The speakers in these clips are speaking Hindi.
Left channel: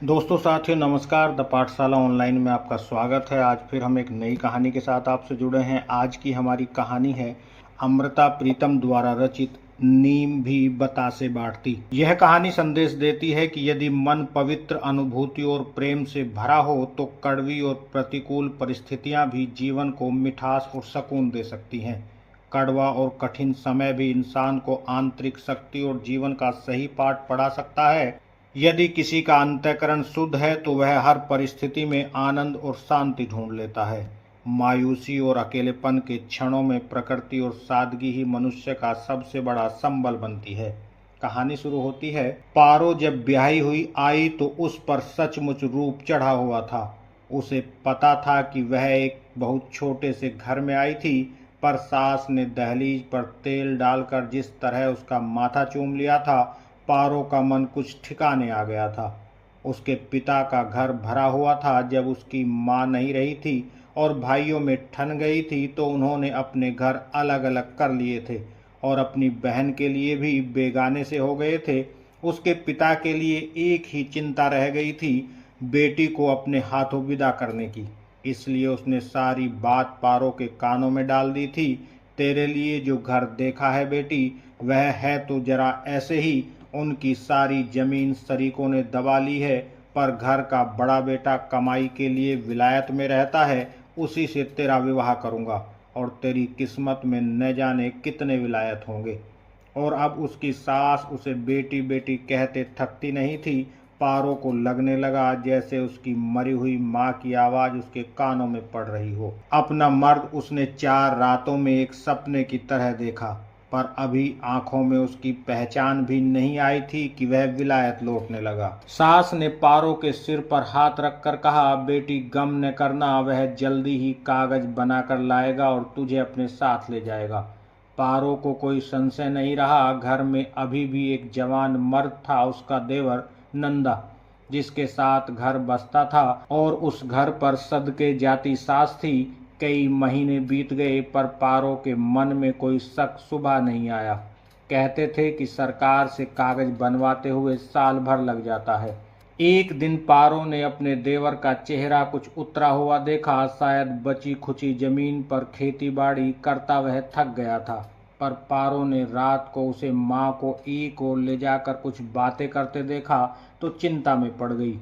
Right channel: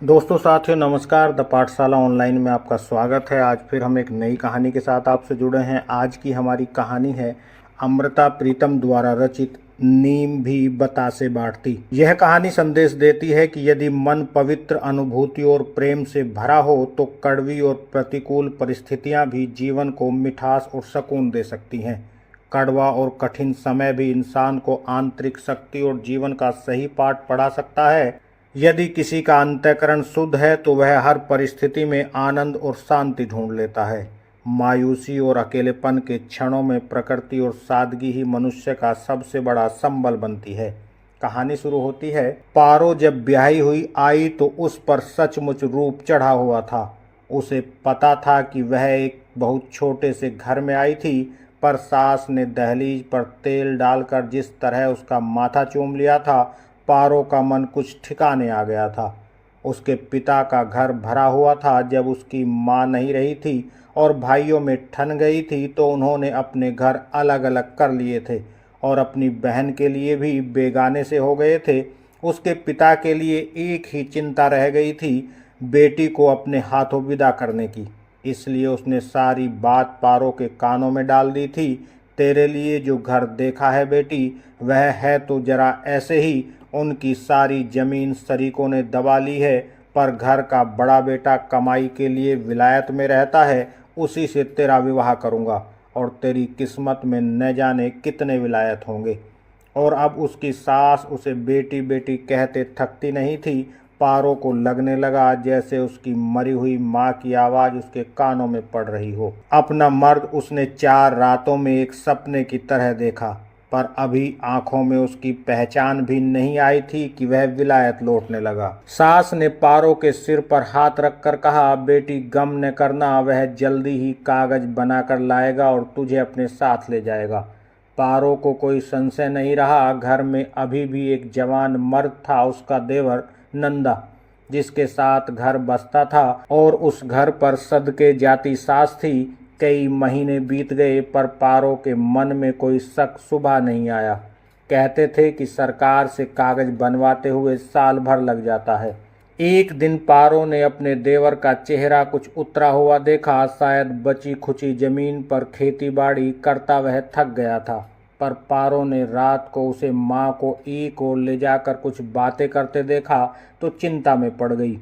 दोस्तों साथियों नमस्कार। द पाठशाला ऑनलाइन में आपका स्वागत है। आज फिर हम एक नई कहानी के साथ आपसे जुड़े हैं। आज की हमारी कहानी है अमृता प्रीतम द्वारा रचित नीम भी बतासे बांटती। यह कहानी संदेश देती है कि यदि मन पवित्र अनुभूतियों और प्रेम से भरा हो तो कड़वी और प्रतिकूल परिस्थितियां भी जीवन को मिठास और सुकून दे सकती हैं। कड़वा और कठिन समय भी इंसान को आंतरिक शक्ति और जीवन का सही पाठ पढ़ा सकता है। यदि किसी का अंतःकरण शुद्ध है तो वह हर परिस्थिति में आनंद और शांति ढूंढ लेता है। मायूसी और अकेलेपन के क्षणों में प्रकृति और सादगी ही मनुष्य का सबसे बड़ा संबल बनती है। कहानी शुरू होती है। पारो जब ब्याही हुई आई तो उस पर सचमुच रूप चढ़ा हुआ था। उसे पता था कि वह एक बहुत छोटे से घर में आई थी, पर सास ने दहलीज पर तेल डालकर जिस तरह उसका माथा चूम लिया था, पारो का मन कुछ ठिकाने आ गया था। उसके पिता का घर भरा हुआ था। जब उसकी माँ नहीं रही थी और भाइयों में ठन गई थी तो उन्होंने अपने घर अलग अलग कर लिए थे और अपनी बहन के लिए भी बेगाने से हो गए थे। उसके पिता के लिए एक ही चिंता रह गई थी, बेटी को अपने हाथों विदा करने की। इसलिए उसने सारी बात पारो के कानों में डाल दी थी। तेरे लिए जो घर देखा है बेटी, वह है तो जरा ऐसे ही। उनकी सारी जमीन शरीकों ने दबा ली है, पर घर का बड़ा बेटा कमाई के लिए विलायत में रहता है। उसी से तेरा विवाह करूँगा और तेरी किस्मत में न जाने कितने विलायत होंगे। और अब उसकी सास उसे बेटी बेटी कहते थकती नहीं थी। पारो को लगने लगा जैसे उसकी मरी हुई माँ की आवाज़ उसके कानों में पड़ रही हो। अपना मर्द उसने 4 रातों में एक सपने की तरह देखा, पर अभी आंखों में उसकी पहचान भी नहीं आई थी कि वह विलायत लौटने लगा। सास ने पारो के सिर पर हाथ रखकर कहा, बेटी गम न करना, वह जल्दी ही कागज बनाकर लाएगा और तुझे अपने साथ ले जाएगा। पारो को कोई संशय नहीं रहा। घर में अभी भी एक जवान मर्द था, उसका देवर नंदा, जिसके साथ घर बसता था, और उस घर पर सदके जाती सास थी। कई महीने बीत गए पर पारो के मन में कोई शक शुबा नहीं आया। कहते थे कि सरकार से कागज बनवाते हुए साल भर लग जाता है। एक दिन पारो ने अपने देवर का चेहरा कुछ उतरा हुआ देखा। शायद बची खुची जमीन पर खेती बाड़ी करता वह थक गया था। पर पारो ने रात को उसे माँ को एक ओर ले जाकर कुछ बातें करते देखा तो चिंता में पड़ गई।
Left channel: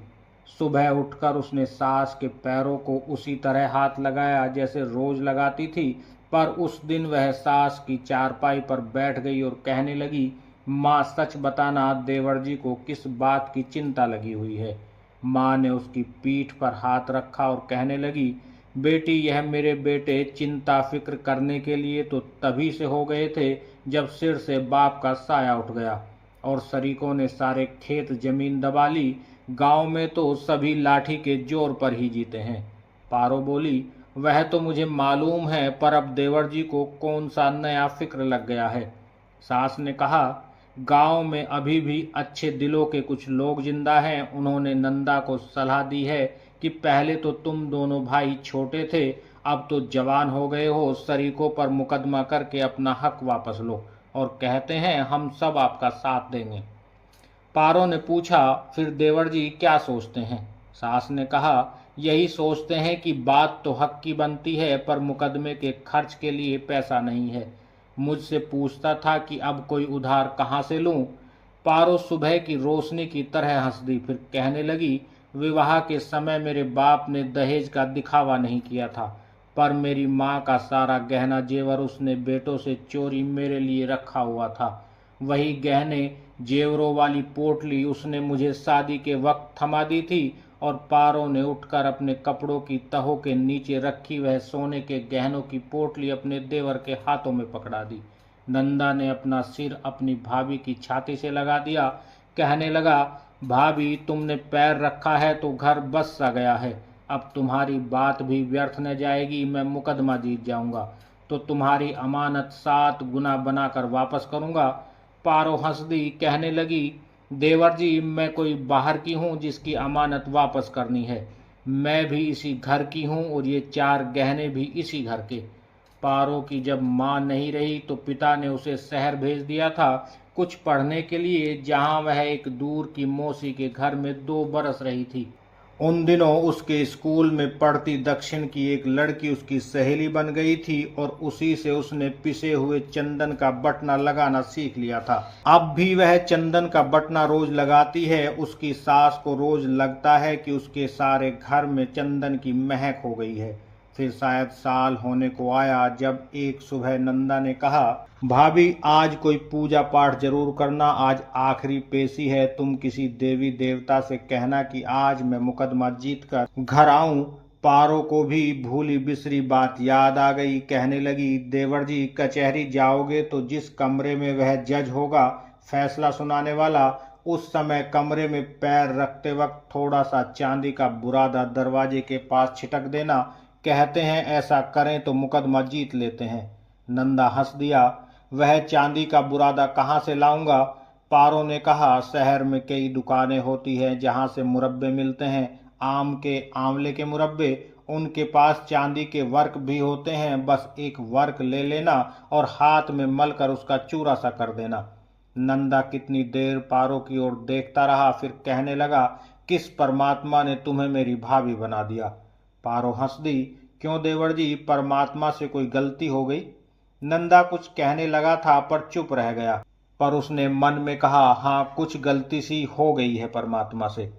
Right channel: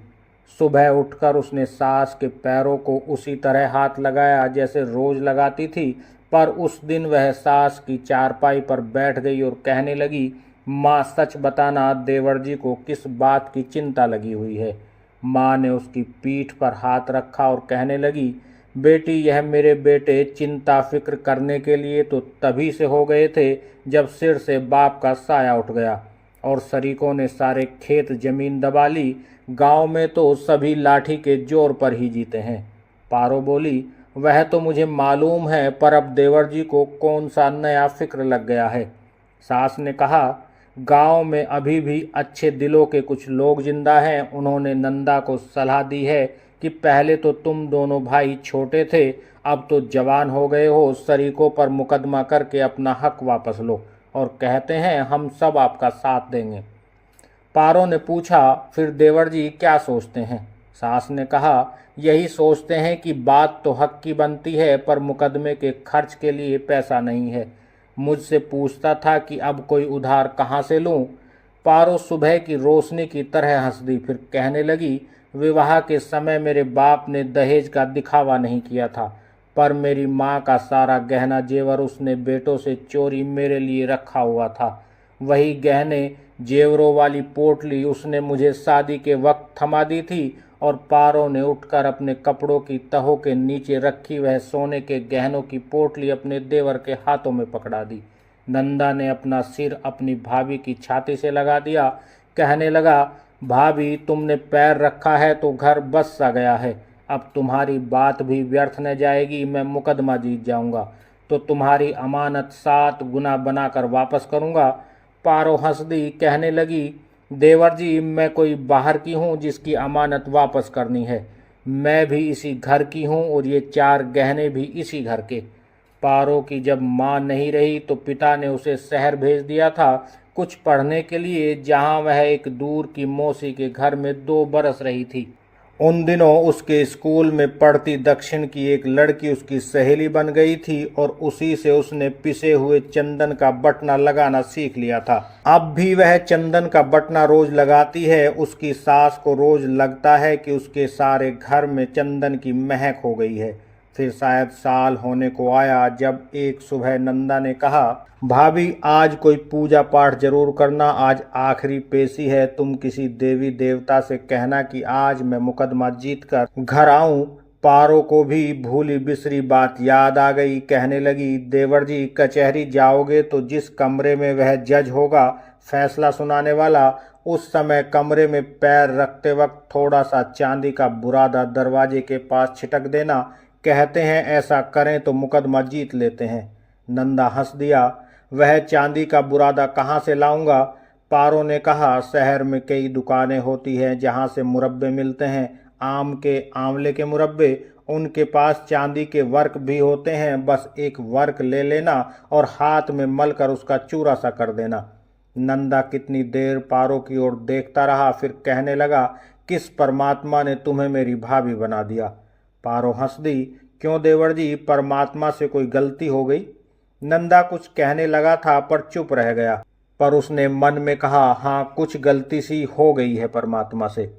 सुबह उठकर उसने सास के पैरों को उसी तरह हाथ लगाया जैसे रोज लगाती थी, पर उस दिन वह सास की चारपाई पर बैठ गई और कहने लगी, माँ सच बताना, देवर जी को किस बात की चिंता लगी हुई है। माँ ने उसकी पीठ पर हाथ रखा और कहने लगी, बेटी यह मेरे बेटे चिंता फिक्र करने के लिए तो तभी से हो गए थे जब सिर से बाप का साया उठ गया और शरीकों ने सारे खेत जमीन दबा ली। गांव में तो सभी लाठी के जोर पर ही जीते हैं। पारो बोली, वह तो मुझे मालूम है, पर अब देवर जी को कौन सा नया फिक्र लग गया है। सास ने कहा, गांव में अभी भी अच्छे दिलों के कुछ लोग जिंदा हैं। उन्होंने नंदा को सलाह दी है कि पहले तो तुम दोनों भाई छोटे थे, अब तो जवान हो गए हो, शरीकों पर मुकदमा करके अपना हक वापस लो, और कहते हैं हम सब आपका साथ देंगे। पारो ने पूछा, फिर देवर जी क्या सोचते हैं। सास ने कहा, यही सोचते हैं कि बात तो हक की बनती है, पर मुकदमे के खर्च के लिए पैसा नहीं है। मुझसे पूछता था कि अब कोई उधार कहाँ से लूं। पारो सुबह की रोशनी की तरह हंस दी, फिर कहने लगी, विवाह के समय मेरे बाप ने दहेज का दिखावा नहीं किया था, पर मेरी माँ का सारा गहना जेवर उसने बेटों से चोरी मेरे लिए रखा हुआ था। वही गहने जेवरों वाली पोटली उसने मुझे शादी के वक्त थमा दी थी। और पारो ने उठकर अपने कपड़ों की तहों के नीचे रखी वह सोने के गहनों की पोटली अपने देवर के हाथों में पकड़ा दी। नंदा ने अपना सिर अपनी भाभी की छाती से लगा दिया, कहने लगा, भाभी तुमने पैर रखा है तो घर बस सा गया है। अब तुम्हारी बात भी व्यर्थ न जाएगी। मैं मुकदमा जीत जाऊंगा तो तुम्हारी अमानत 7 गुना बनाकर वापस करूंगा। पारो हंस दी, कहने लगी, देवर जी मैं कोई बाहर की हूँ जिसकी अमानत वापस करनी है। मैं भी इसी घर की हूँ और ये 4 गहने भी इसी घर के। पारो की जब माँ नहीं रही तो पिता ने उसे शहर भेज दिया था। कुछ पढ़ने के लिए, जहाँ वह एक दूर की मौसी के घर में 2 बरस रही थी। उन दिनों उसके स्कूल में पढ़ती दक्षिण की एक लड़की उसकी सहेली बन गई थी और उसी से उसने पिसे हुए चंदन का बटना लगाना सीख लिया था। अब भी वह चंदन का बटना रोज लगाती है। उसकी सास को रोज लगता है कि उसके सारे घर में चंदन की महक हो गई है। फिर शायद साल होने को आया जब एक सुबह नंदा ने कहा, भाभी आज कोई पूजा पाठ जरूर करना, आज आखिरी पेशी है। तुम किसी देवी देवता से कहना कि आज मैं मुकदमा जीत कर घर आऊं। पारो को भी भूली बिसरी बात याद आ गई। कहने लगी, देवर जी कचहरी जाओगे तो जिस कमरे में वह जज होगा फैसला सुनाने वाला, उस समय कमरे में पैर रखते वक्त थोड़ा सा चांदी का बुरादा दरवाजे के पास छिटक देना। कहते हैं ऐसा करें तो मुकदमा जीत लेते हैं। नंदा हंस दिया। वह चांदी का बुरादा कहाँ से लाऊंगा? पारो ने कहा, शहर में कई दुकानें होती हैं जहाँ से मुरब्बे मिलते हैं, आम के, आंवले के मुरब्बे। उनके पास चांदी के वर्क भी होते हैं। बस एक वर्क ले लेना और हाथ में मलकर उसका चूरा सा कर देना। नंदा कितनी देर पारो की ओर देखता रहा, फिर कहने लगा, किस परमात्मा ने तुम्हें मेरी भाभी बना दिया? पारो हंस दी। क्यों देवर जी, परमात्मा से कोई गलती हो गई? नंदा कुछ कहने लगा था पर चुप रह गया। पर उसने मन में कहा, हाँ कुछ गलती सी हो गई है परमात्मा से।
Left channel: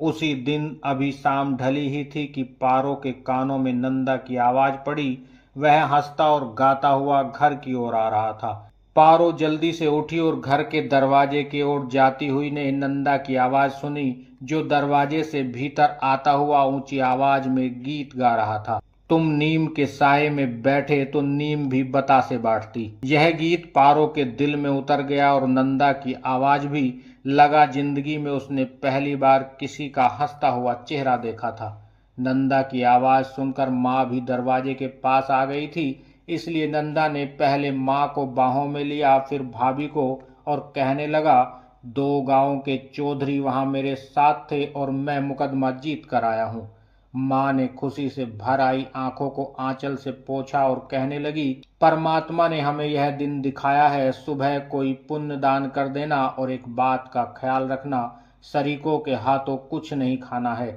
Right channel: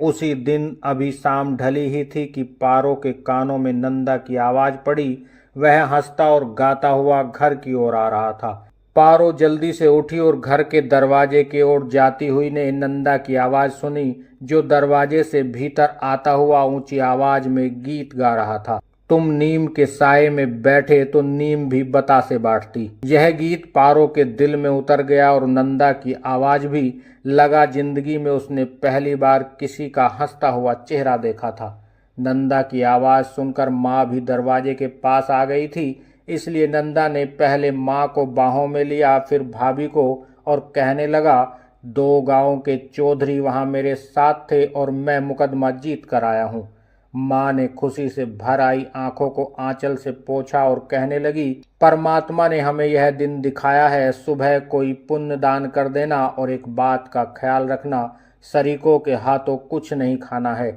उसी दिन अभी शाम ढली ही थी कि पारो के कानों में नंदा की आवाज पड़ी। वह हंसता और गाता हुआ घर की ओर आ रहा था। पारो जल्दी से उठी और घर के दरवाजे की ओर जाती हुई ने नंदा की आवाज सुनी, जो दरवाजे से भीतर आता हुआ ऊंची आवाज में गीत गा रहा था। तुम नीम के साये में बैठे तो नीम भी बतासे बांटती। यह गीत पारो के दिल में उतर गया और नंदा की आवाज भी लगा जिंदगी में उसने पहली बार किसी का हंसता हुआ चेहरा देखा था। नंदा की आवाज सुनकर माँ भी दरवाजे के पास आ गई थी, इसलिए नंदा ने पहले माँ को बाहों में लिया, फिर भाभी को, और कहने लगा, 2 गांव के चौधरी वहां मेरे साथ थे और मैं मुकदमा जीत कर आया हूँ। माँ ने खुशी से भर आई आंखों को आंचल से पोंछा और कहने लगी, परमात्मा ने हमें यह दिन दिखाया है। सुबह कोई पुण्य दान कर देना और एक बात का ख्याल रखना, शरीकों के हाथों कुछ नहीं खाना है,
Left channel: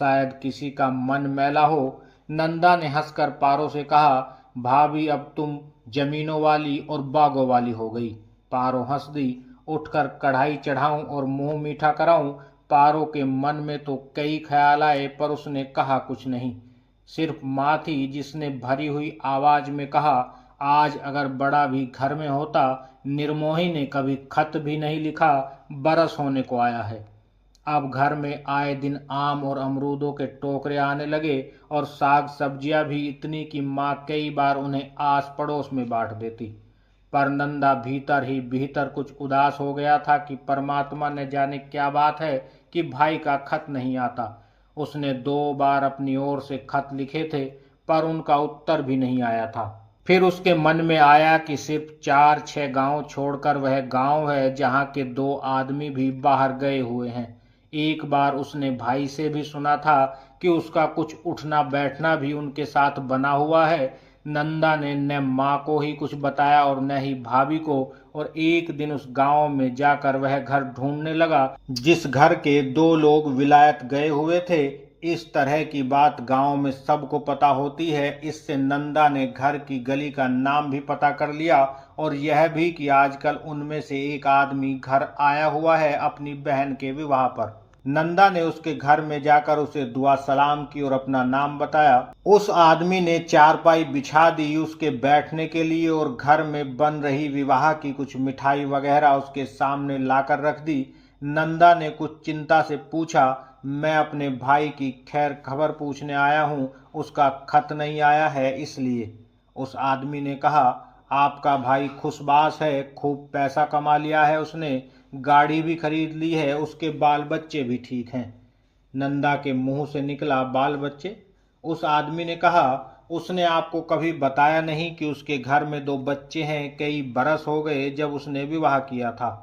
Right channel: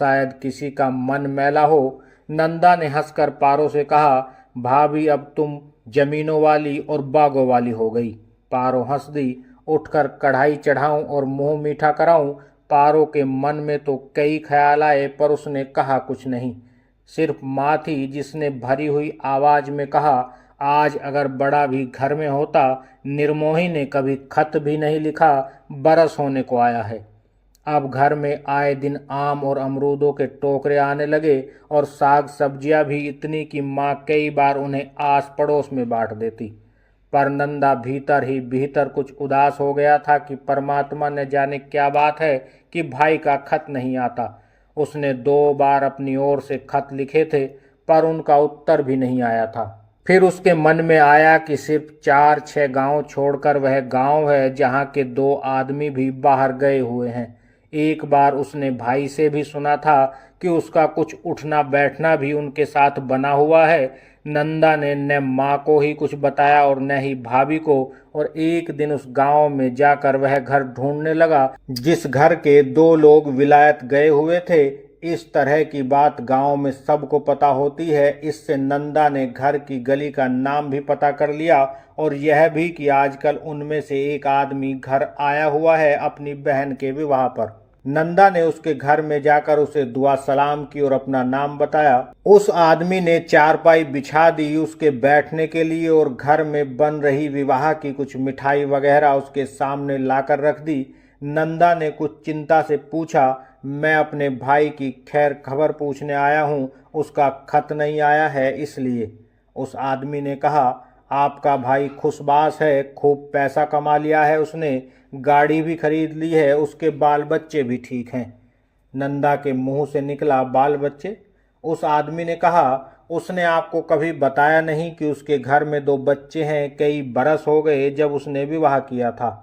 शायद किसी का मन मैला हो। नंदा ने हंसकर पारो से कहा, भाभी अब तुम जमीनों वाली और बागों वाली हो गई। पारो हंस दी। उठकर कढ़ाई चढ़ाऊं और मुंह मीठा कराऊं? पारो के मन में तो कई ख्याल आए पर उसने कहा कुछ नहीं। सिर्फ माँ थी जिसने भरी हुई आवाज में कहा, आज अगर बड़ा भी घर में होता, निर्मोही ने कभी खत भी नहीं लिखा, बरस होने को आया है। अब घर में आए दिन आम और अमरूदों के टोकरे आने लगे और साग सब्जियां भी इतनी कि माँ कई बार उन्हें आस पड़ोस में बांट देती। पर नंदा भीतर ही भीतर कुछ उदास हो गया था कि परमात्मा ने जाने क्या बात है कि भाई का खत नहीं आता। उसने 2 बार अपनी ओर से खत लिखे थे पर उनका उत्तर भी नहीं आया था। फिर उसके मन में आया कि सिर्फ 4-6 गांव छोड़कर वह गांव है जहां के 2 आदमी भी बाहर गए हुए हैं। एक बार उसने भाई से भी सुना था कि उसका कुछ उठना बैठना भी उनके साथ बना हुआ है। नंदा ने न माँ को ही कुछ बताया और न ही भाभी को, और एक दिन उस गांव में जाकर वह घर ढूंढने लगा जिस घर के 2 लोग विलायत गए हुए थे। इस तरह की बात गांव में सबको पता होती है। इससे नंदा ने घर की गली का नाम भी पता कर लिया और यह भी कि आजकल उनमें से एक आदमी घर आया हुआ है अपनी बहन के विवाह पर। नंदा ने उसके घर में जाकर उसे दुआ सलाम की और अपना नाम बताया। उस आदमी ने चारपाई बिछा दी उसके बैठने के लिए और घर में बन रही विवाह की कुछ मिठाई वगैरह उसके सामने लाकर रख दी। नंदा ने कुछ चिंता से पूछा, मैं अपने भाई की खैर खबर पूछने आया हूँ, उसका खत नहीं आया है इसलिए। उस आदमी ने कहा, आपका भाई खुशबाश है, खूब पैसा कमा लिया है उसने, गाड़ी भी खरीद ली है, उसके बाल बच्चे भी ठीक हैं। नंदा के मुंह से निकला, बाल बच्चे? उस आदमी ने कहा, उसने आपको कभी बताया नहीं कि उसके घर में 2 बच्चे हैं, कई बरस हो गए जब उसने विवाह किया था।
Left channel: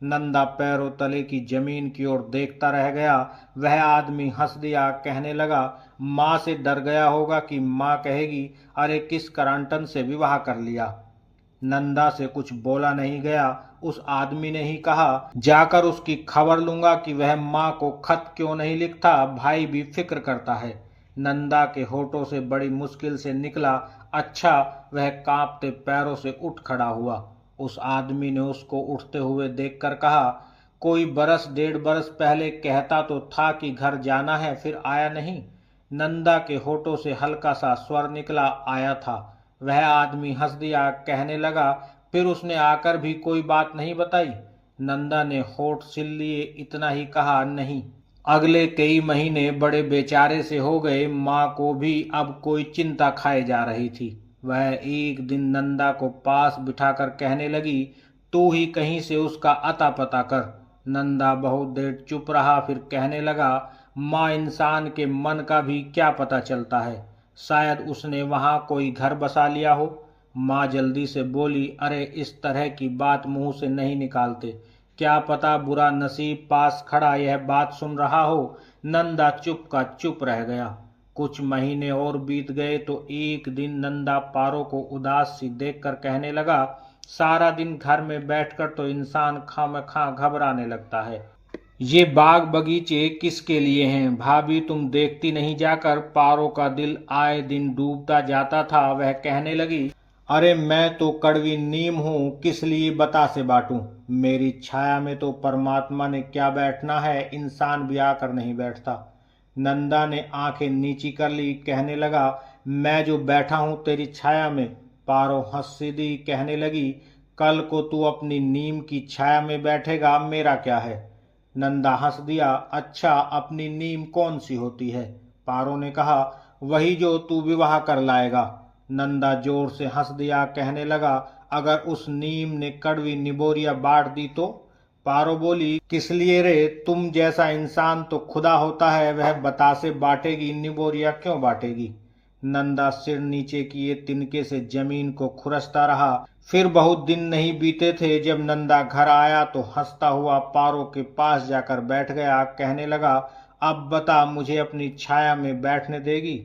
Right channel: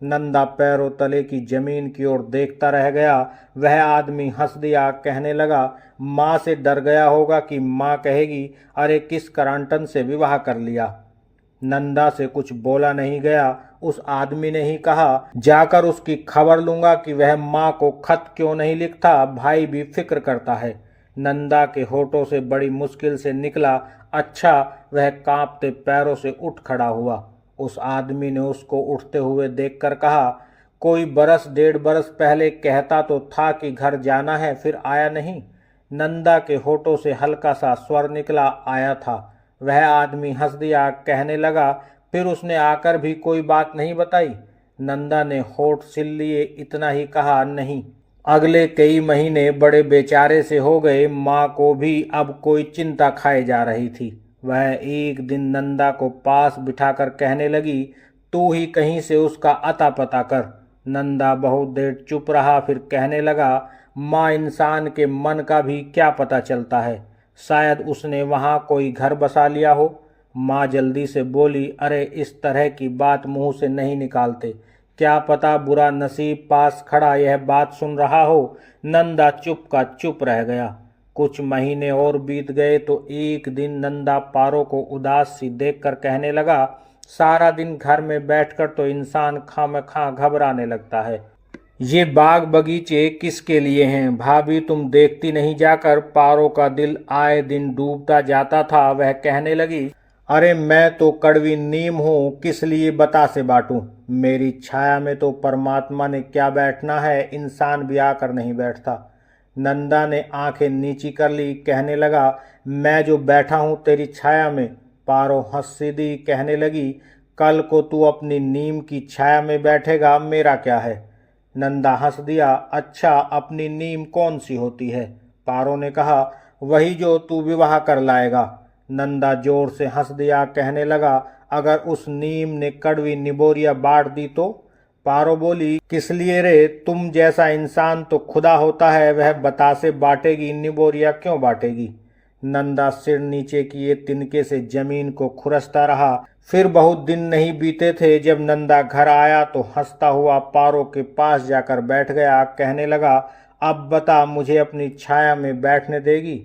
नंदा पैरों तले की जमीन की ओर देखता रह गया। वह आदमी हंस दिया, कहने लगा, माँ से डर गया होगा कि माँ कहेगी, अरे किस करांटन से विवाह कर लिया। नंदा से कुछ बोला नहीं गया। उस आदमी ने ही कहा, जाकर उसकी खबर लूंगा कि वह माँ को खत क्यों नहीं लिखता, भाई भी फिक्र करता है। नंदा के होठों से बड़ी मुश्किल से निकला, अच्छा। वह कांपते पैरों से उठ खड़ा हुआ। उस आदमी ने उसको उठते हुए देखकर कहा, कोई बरस 1.5 बरस पहले कहता तो था कि घर जाना है, फिर आया नहीं। नंदा के होठों से हल्का सा स्वर निकला, आया था। वह आदमी हंस दिया, कहने लगा, फिर उसने आकर भी कोई बात नहीं बताई। नंदा ने होठ सिल लिए, इतना ही कहा, नहीं। अगले कई महीने बड़े बेचारे से हो गए। माँ को भी अब कोई चिंता खाए जा रही थी। वह एक दिन नंदा को पास बिठाकर कहने लगी, तू ही कहीं से उसका अता पता कर। नंदा बहुत देर चुप रहा, फिर कहने लगा, माँ, इंसान के मन का भी क्या पता चलता है, शायद उसने वहाँ कोई घर बसा लिया हो। माँ जल्दी से बोली, अरे इस तरह की बात मुंह से नहीं निकालते, क्या पता बुरा नसीब पास खड़ा यह बात सुन रहा हो। नंदा चुप का चुप रह गया। कुछ महीने और बीत गए तो एक दिन नंदा पारो को उदास सी देखकर कहने लगा, सारा दिन घर में बैठकर तो इंसान खामखा घबराने लगता है। ये बाग बगीचे किसके लिए हैं? भाभी तुम देखती नहीं जाकर। पारो का दिल आए दिन डूबता जाता था। वह कहने लगी, अरे मैं तो कड़वी नीम हूँ, किस लिए बता से बांटूं। मेरी छाया में तो परमात्मा ने क्या बैठना है, इंसान भी आकर नहीं बैठता। नंदा ने आंखें नीची कर ली, कहने लगा, मैं जो बैठा हूँ तेरी छाया में। पारो हंस दी, कहने लगी, कल को तू अपनी नीम की छाया में बैठेगा, मेरा क्या है। नंदा हंस दिया, अच्छा, अपनी नीम कौन सी होती है? पारो ने कहा, वही जो तू विवाह कर लाएगा। नंदा जोर से हंस दिया, कहने लगा, अगर उस नीम ने कड़वी निबोरिया बांट दी तो? पारो बोली, किस लिए रे, तुम जैसा इंसान तो खुदा होता है, वह बतासे बांटेगी, निबोरिया क्यों बांटेगी। नंदा सिर नीचे किए तिनके से जमीन को खुरसता रहा। फिर बहुत दिन नहीं बीते थे, जब नंदा घर आया तो हंसता हुआ पारो के पास जाकर बैठ गया। कहने लगा, अब बता, मुझे अपनी छाया में बैठने देगी?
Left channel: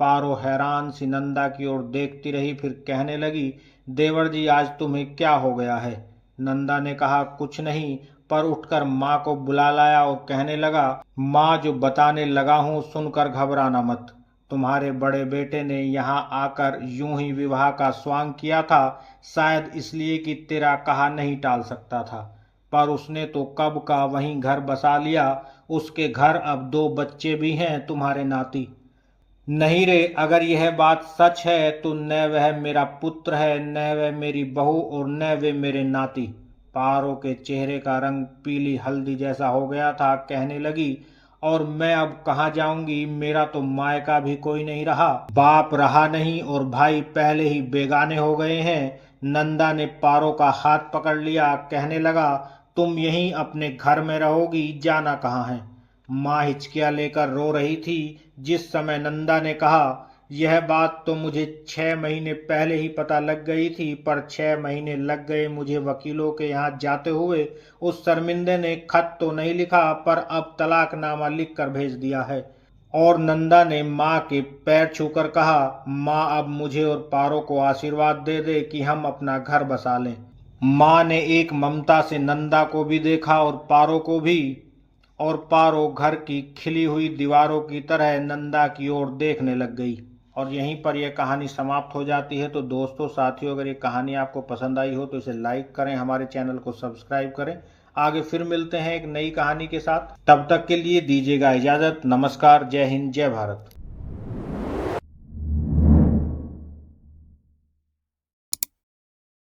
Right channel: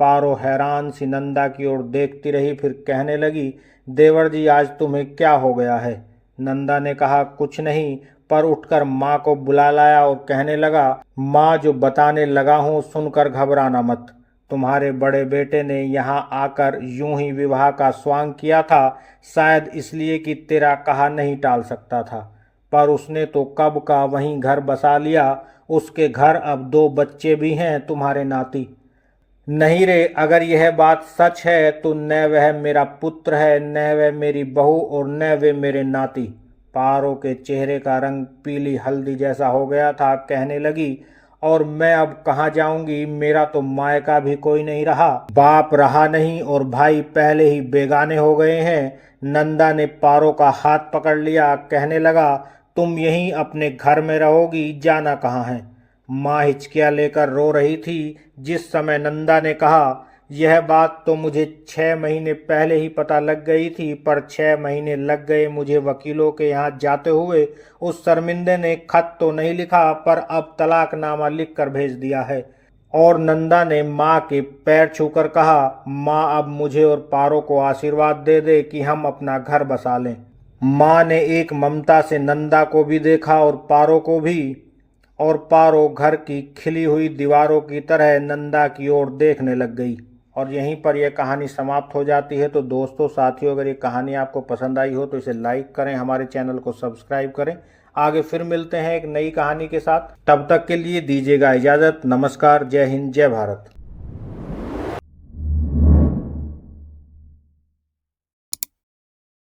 पारो हैरान सी नंदा की ओर देखती रही, फिर कहने लगी, देवर जी, आज तुम्हें क्या हो गया है? नंदा ने कहा, कुछ नहीं, पर उठकर माँ को बुला लाया और कहने लगा, माँ, जो बताने लगा हूँ सुनकर घबराना मत। तुम्हारे बड़े बेटे ने यहाँ आकर यूं ही विवाह का स्वांग किया था, शायद इसलिए कि तेरा कहा नहीं टाल सकता था, पर उसने तो कब का वहीं घर बसा लिया। उसके घर अब 2 बच्चे भी हैं, तुम्हारे नाती। नहीं रे, अगर यह बात सच है तो न वह मेरा पुत्र है, न वह मेरी बहू, और न वे मेरे नाती। पारो के चेहरे का रंग पीली हल्दी जैसा हो गया था। कहने लगी, और मैं अब कहाँ जाऊंगी, मेरा तो मायका भी कोई नहीं रहा, बाप रहा नहीं और भाई पहले ही बेगाने हो गए हैं। नंदा ने पारो का हाथ पकड़ लिया, कहने लगा, तुम यहीं अपने घर में रहोगी, जाना कहाँ है। माँ हिचकियाँ लेकर रो रही थी। जिस समय नंदा ने कहा, यह बात तो मुझे 6 महीने पहले ही पता लग गई थी, पर 6 महीने लग गए मुझे वकीलों के यहाँ जाते हुए। उस शर्मिंदे ने खत तो नहीं लिखा, पर अब तलाकनामा लिख कर भेज दिया है। और नंदा ने माँ के पैर छूकर कहा, माँ, अब मुझे और पारो को आशीर्वाद दे दे कि हम अपना घर बसा लें। माँ ने एक ममता से नंदा को भी देखा और पारो को भी, और पारो घर की खिली हुई दीवारों की तरह नंदा की ओर देखने लग गई। और यहीं पर यह कहानी समाप्त हो जाती है। तो दोस्तों, साथियों, अगर ये कहानी आपको पसंद आई हो तो इसे लाइक करें, हमारे चैनल को सब्सक्राइब करें। आगे फिर मिलते हैं एक नई कहानी के साथ। तब तक के लिए दीजिएगा इजाज़त। नमस्कार, जय हिंद, जय भारत।